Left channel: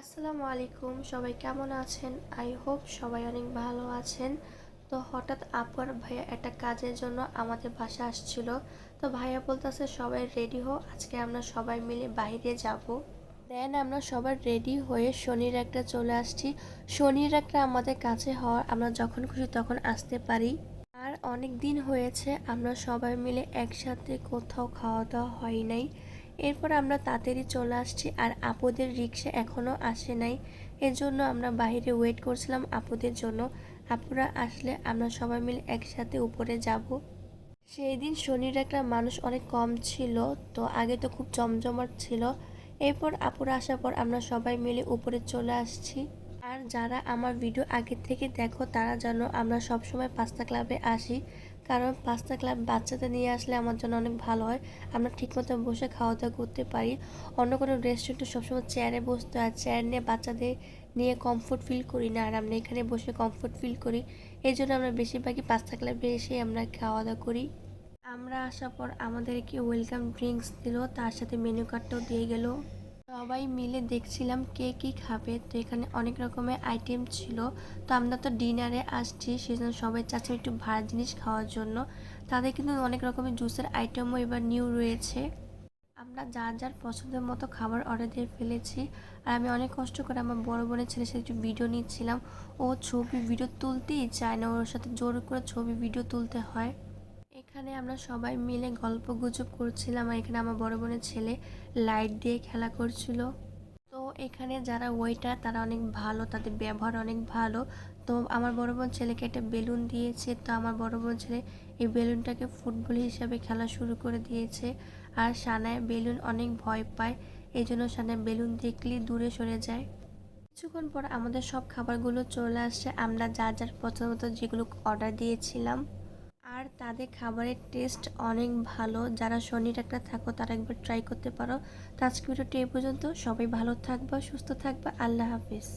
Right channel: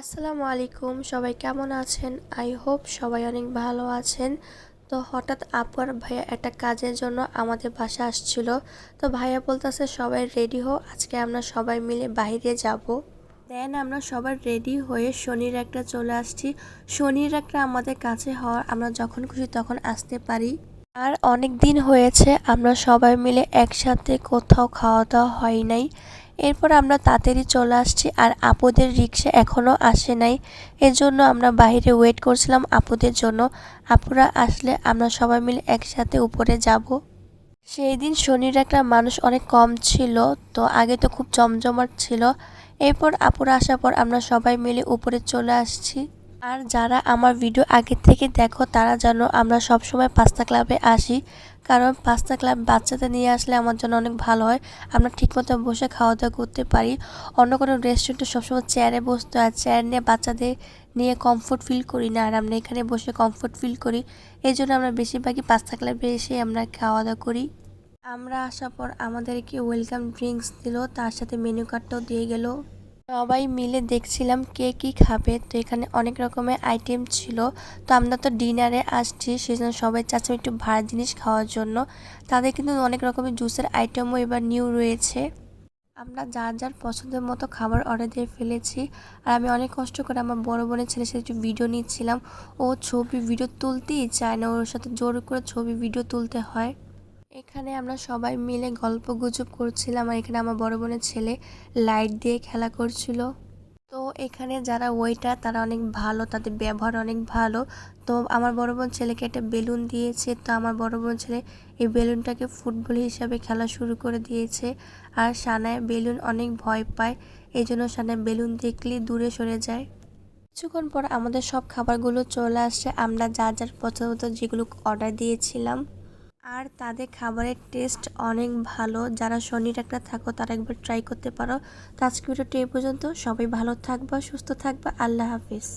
আসসালামু আলাইকুম, সবাই কেমন আছেন? আই হোপ সবাই অনেক ভালো আছেন। তো হঠাৎ আপু আর ভাইয়া একটা কাজের জন্য আমাদের বাসা আসছিল। তো ভাইয়া বলতেছে, সবাই রেডি হো আজকে আমরা সবাই মিলে বাইরে যাব। দেন আমরা সবাই রেডি হয়ে শনির একটা চলে আসছি। শনির একটা আমাদের কাছে হওয়ার আমরা যখন খুশি তখন আসতে পারি। আর অনেক দিন হয়েছে, আমরা সবাই মিলে একসাথে কোথাও খাওয়া দাওয়া হয় নাই। এরপর আমরা তাড়াতাড়ি চলে আসছি আর আপুদের রিক্সা এখনও আসে নাই। এর জন্য আমরা বাইরে ওয়েট করছিলাম আপুদের জন্য। আপুরা আসলে আমরা সবাই মিলে একসাথে উপরে যাব। সেই দিন শনির একটা মানুষ অনেক কম ছিল, তো আগে তো খুব জমজমাট ছিল। এরপর আপুরা আসার পর আমরা সবাই মিলে উপরে চলে আসছি। আর যারা আমার ভিডিও আগে থেকে দেখো, তারা জানো আমরা সবসময় পাস্তা ক্লাবে আসি। কারণ পাস্তা ক্লাব বাচ্চাদের নিয়ে আসলে আমার জন্য অনেক ভালো হয়। আমরা ঠিকমতো বসে খাওয়া দাওয়া করতে পারি। অন্য কোনো রেস্টুরেন্টে সবসময় চেয়ারে বসতে হয়। চেয়ার নিয়ে বাচ্চাদের নিয়ে কমফোর্ট ফিল করি না। আর আমরা এখানে বসে কমফোর্ট ফিল করি। এই জন্য আমরা বেশিরভাগই পাস্তা ক্লাবে এসে আমরা খাওয়া দাওয়া করি। আমরা আসার পর আমাদেরকে ওয়েলকাম ড্রিঙ্কস দিল। তার সাথে মেনু কার্ডটাও দিয়ে গেল। সবাই মিলে দেখছিলাম কে কি খাবে। তো এখানে অনেক রকমের আইটেম ছিল। তো আমরা তো ডিনারে আসছি, সেজন্য সবাই চাচ্ছি একটু ভাড়া জিনিস খাওয়ার জন্য। তাদের কিন্তু অনেক রকমের জুসের আইটেমও এবার নিউ রয়েছে। আমরা যার যার পছন্দের মতো খাবার অর্ডার দিয়ে ফেলেছি। আর আমি অনেক কষ্ট করে আমার বড় বোনের ছেলের সাথে একটু ভিডিও নিচ্ছিলাম। ও ছবি ভিডিও তুলতেই চায় না, ওর সাথে জোর করে ছবি ভিডিও তুলতে হয়। এখানে আমরা সবাই মিলে গল্প গুজব করছিলাম আর এখানে আমার বড় বোনের ছেলে লাইট দিয়ে খেলা করছিল। তো এখানে যারা ওয়েটার তারা অনেক ভালো, তাদের ব্যবহার অনেক ভালো। তো আমার বড় বোন ছেলেকে একটা বেলুন দিয়েছে, তো আমার বড় বোন ছেলে এই বেলুনটাকে ফুটবল হিসাবে খেলা শুরু করে দিয়েছে। আর সানায় বেলুন অনেক ভয় পায়, এই জন্য সানায় বেলুন দেখলেই দূরে সরে যায়। কিছুক্ষণ পর আমাদের সব খাবারগুলো চলে আসছে আমরা যা যার পছন্দ যেগুলো অর্ডার দিয়েছিলাম। আর তাদের খাবারের টেস্ট অনেক ভালো। যারা শনির একটা থাকো, তারা একবার ট্রাই করতে পারো। তো আজকে ভিডিওটি এই পর্যন্ত। সবাই ভালো থাকবা, সুস্থ থাকবা। আল্লাহ হাফিজ।